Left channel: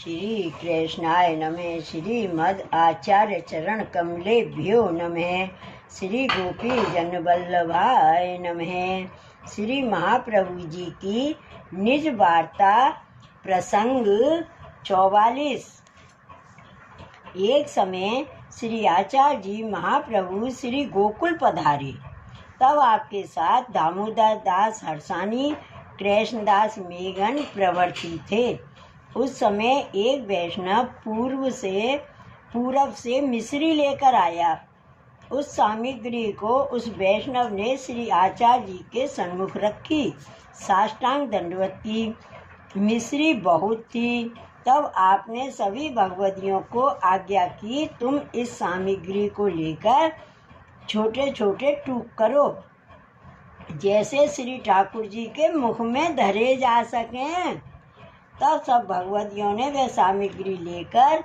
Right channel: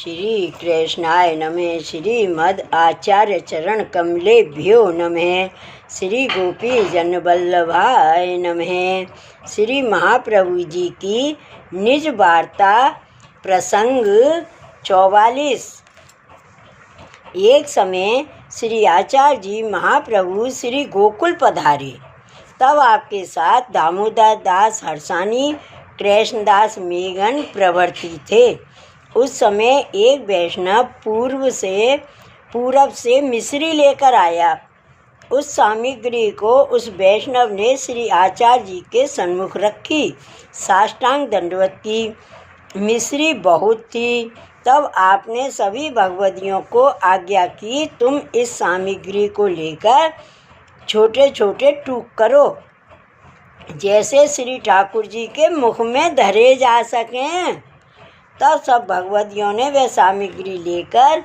श्री कृष्णाय नमः। श्रीमद् आचार्य चरण कमलेभ्यो नमः। श्री गोपी जन वल्लभाय नमः। श्री महाप्रभु जी की निज वार्ता प्रसंग 44। एक समय श्री आचार्य जी महाप्रभु श्री गोकुल पधारे। तब आपके साथ दामोदर दास हर्षानी, कृष्णदास मेघन प्रवर्ती थे। उस समय एक वैष्णव पूरब से मिश्री लेकर आया। उस सामग्री को उस वैष्णव ने श्री आचार्य जी के सन्मुख रखी, साष्टांग दंडवत की। मिश्री बहुत थी। तब आपने सभी भगवदियों को आज्ञा की, तुम इस सामग्री को लेकर छोटे छोटे टूक करो, जैसे श्री ठाकुर जी के मुख में धरे जा सकें। तब सब भगवदियों ने वह सामग्री लेकर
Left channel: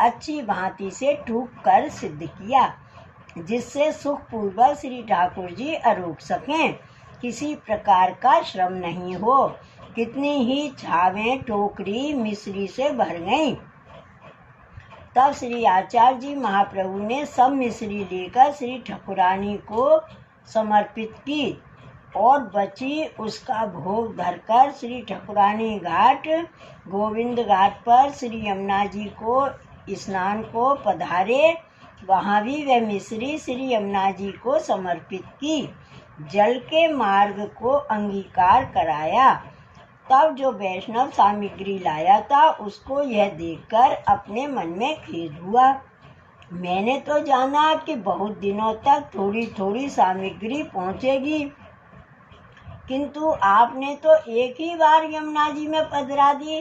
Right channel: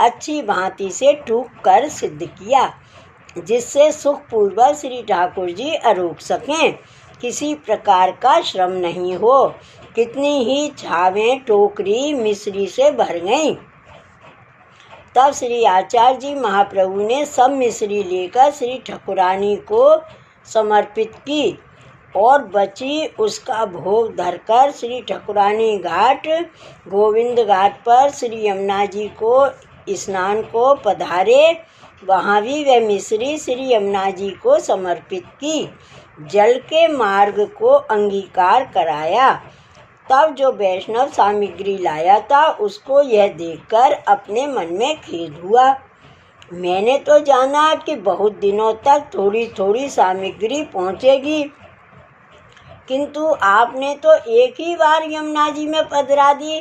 अच्छी भांति से टूक कर सिद्ध किया, जिससे सुखपूर्वक श्री ठाकुर जी अरोक सकें, किसी प्रकार का श्रम नहीं हो। कितनी ही छावें टोकरी मिश्री से भर गईं। तब श्री आचार्य जी महाप्रभु ने सब मिश्री लेकर श्री ठाकुरानी को समर्पित की और बची उसका भोग धरकर श्री ठाकुरानी घाट गोविंद घाट पर श्री यमुना जी को स्नान को पधारे। वहाँ भी वह मिश्री श्री यमुना जी को समर्पित की, जल के मार्ग को अंगीकार कराया। तब जो वैष्णव सामग्री लाया था, उसको यह देखकर अपने मन में खेद हुआ। मैंने तो जाना कि बहुत दिनों तक थोड़ी थोड़ी सामग्री पहुँचेगी, किंतु आपने तो एक ही बार यमुना जी में पधरा दी।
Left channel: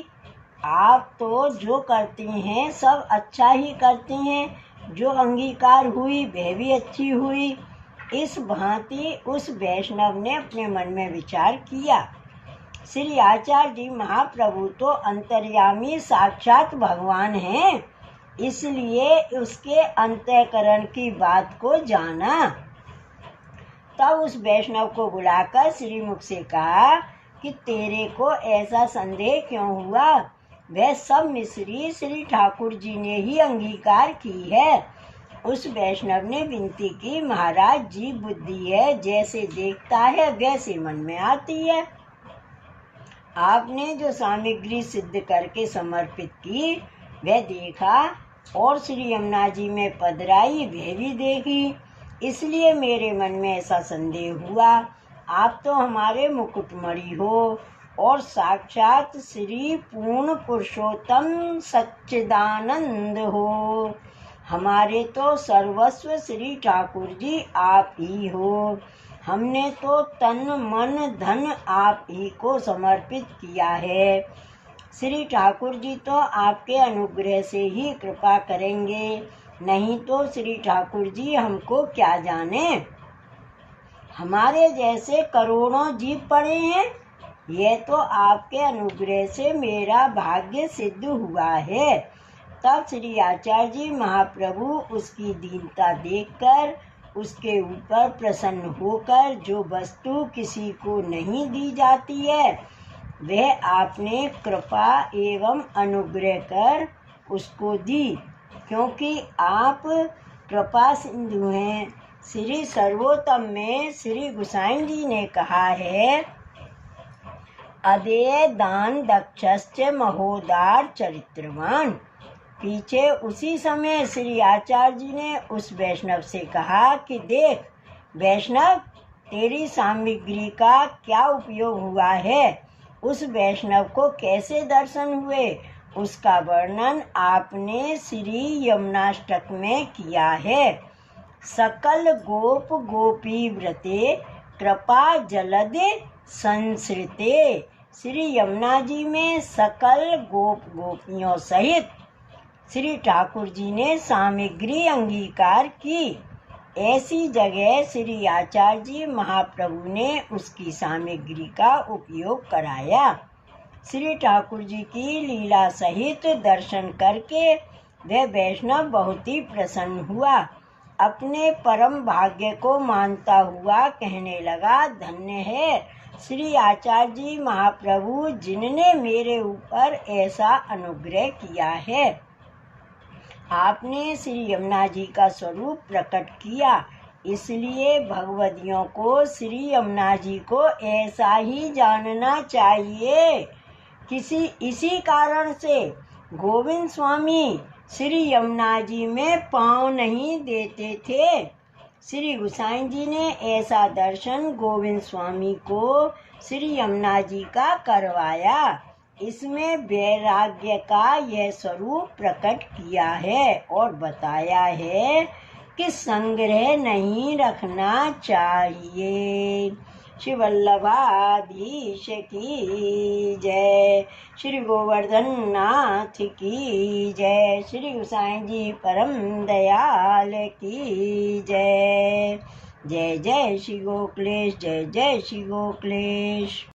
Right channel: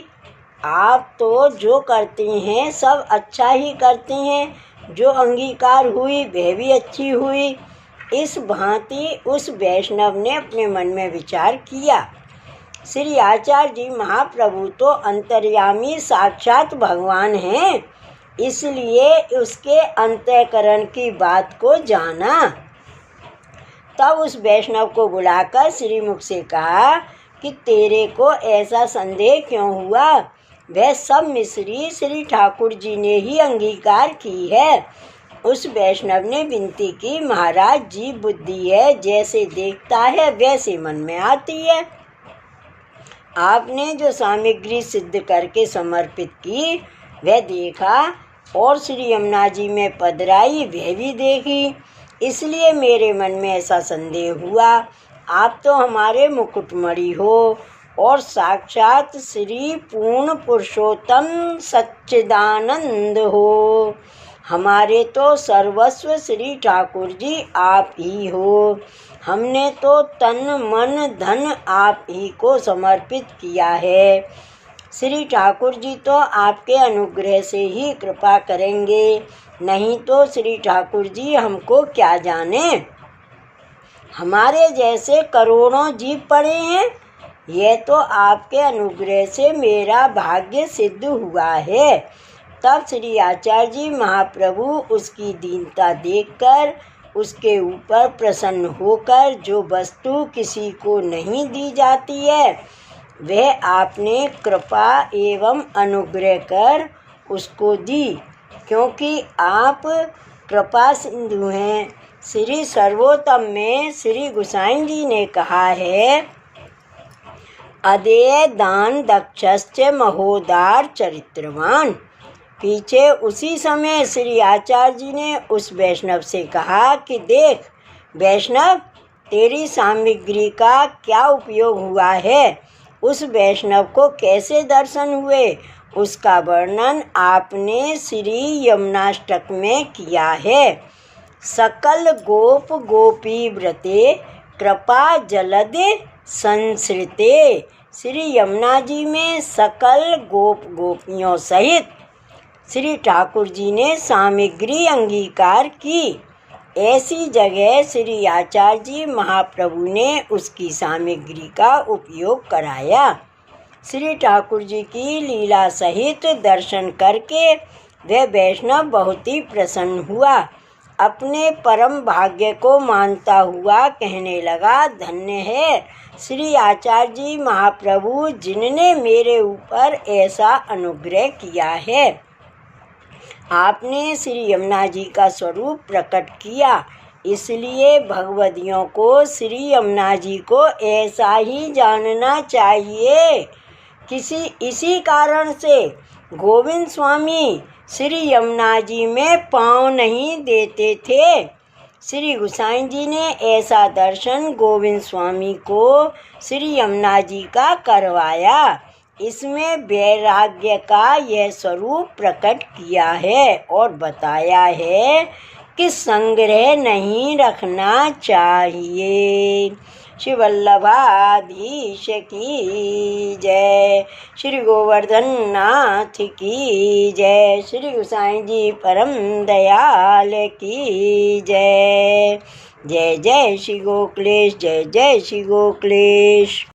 आप तो जो करते हैं सब अच्छा ही करते हैं। जो अंगीकार हुई वह भी अच्छी हुई। इस भांति उस वैष्णव ने अपने मन में विचार किया। श्री आचार्य जी महाप्रभु तो अंतर्यामी साक्षात भगवान हैं, इसलिए उसके अंतःकरण की बात को जाना। तब उस वैष्णव को बुलाकर श्रीमुख से कहा कि तेरे को ऐसा संदेह क्यों हुआ? वह सब मिश्री श्री ठाकुर जी ने ही अंगीकार की है। उस वैष्णव ने विनती की, महाराज जी बुद्धि है, जैसे देखता है वैसे मन में आती है। आपने जो सामग्री सिद्ध करके समर्पित की वह देखा, और श्री यमुना जी में पधराई वह भी देखी, इसलिए मेरे मन में ऐसा संदेह हुआ। आप तो हमारे मुकुटमणि हो और साक्षात श्री पूर्ण पुरुषोत्तम सच्चिदानंद हो। हमारे तो सर्वस्व श्री ठाकुर जी आप ही हो। हमने तो तन मन धन आप ही को समर्पित किया है। श्री ठाकुर जी तो आपके अनुग्रह से ही कृपा करेंगे, नहीं तो श्री ठाकुर जी हमको क्या जाने। हमारे जैसे करोड़ों जीव पड़े हैं, यह तो आपके अनुग्रह से मेरा भाग्य सिद्ध हुआ है। तब श्री आचार्य जी महाप्रभु उसकी दीनता देखकर उसके ऊपर प्रसन्न होकर, जो वस्तु किसी को नहीं दी जाती है वह आपने कृपा एवं अनुग्रह कर उसको दी, क्योंकि आप कृपा सिंधु हैं। श्री सर्वोत्तम में श्री गोसाई जी ने कहा है, अदेय दान दक्षश्च महोदार चरित्रवान। पीछे उसी समय श्री आचार्य जी ने उस वैष्णव से कहा कि देख वैष्णव, तेरी सामग्री का क्या उपयोग हुआ है। उस वैष्णव को कैसे दर्शन हुए उसका वर्णन आपने श्री यमुनाष्टक में किया है। सकल गोप गोपी व्रते कृपा जलदि संसृते। श्री यमुना जी में सकल गोप गोपियों सहित श्री ठाकुर जी ने सामग्री अंगीकार की। ऐसी जगह श्री आचार्य जी महाप्रभु ने उसकी सामग्री का उपयोग कराया। श्री ठाकुर जी की लीला सहित दर्शन करके वह वैष्णव बहुत ही प्रसन्न हुआ। अपने परम भाग्य को मानता हुआ कहने लगा, धन्य है श्री आचार्य जी महाप्रभु जिनने मेरे ऊपर ऐसा अनुग्रह किया है। आपने श्री यमुना जी का स्वरूप प्रकट किया, इसलिए भगवदियों को श्री यमुना जी को ऐसा ही जानना चाहिए। इसी कारण से गोविंद स्वामी श्री यमुना जी में पाँव नहीं देते थे। श्री गोसाई जी ने ऐसा दर्शन गोविंद स्वामी को श्री यमुना जी का करवाया। इसमें वैराग्य का यह स्वरूप प्रकट किया है और बताया है कि संग्रह नहीं रखना चाहिए। श्री वल्लभाधीश की जय, श्री गोवर्धन नाथ की जय, श्री गोसाई जी परम दयाल की जय। जय जय श्री गोकुलेश, जय जय श्री गोकुलेश।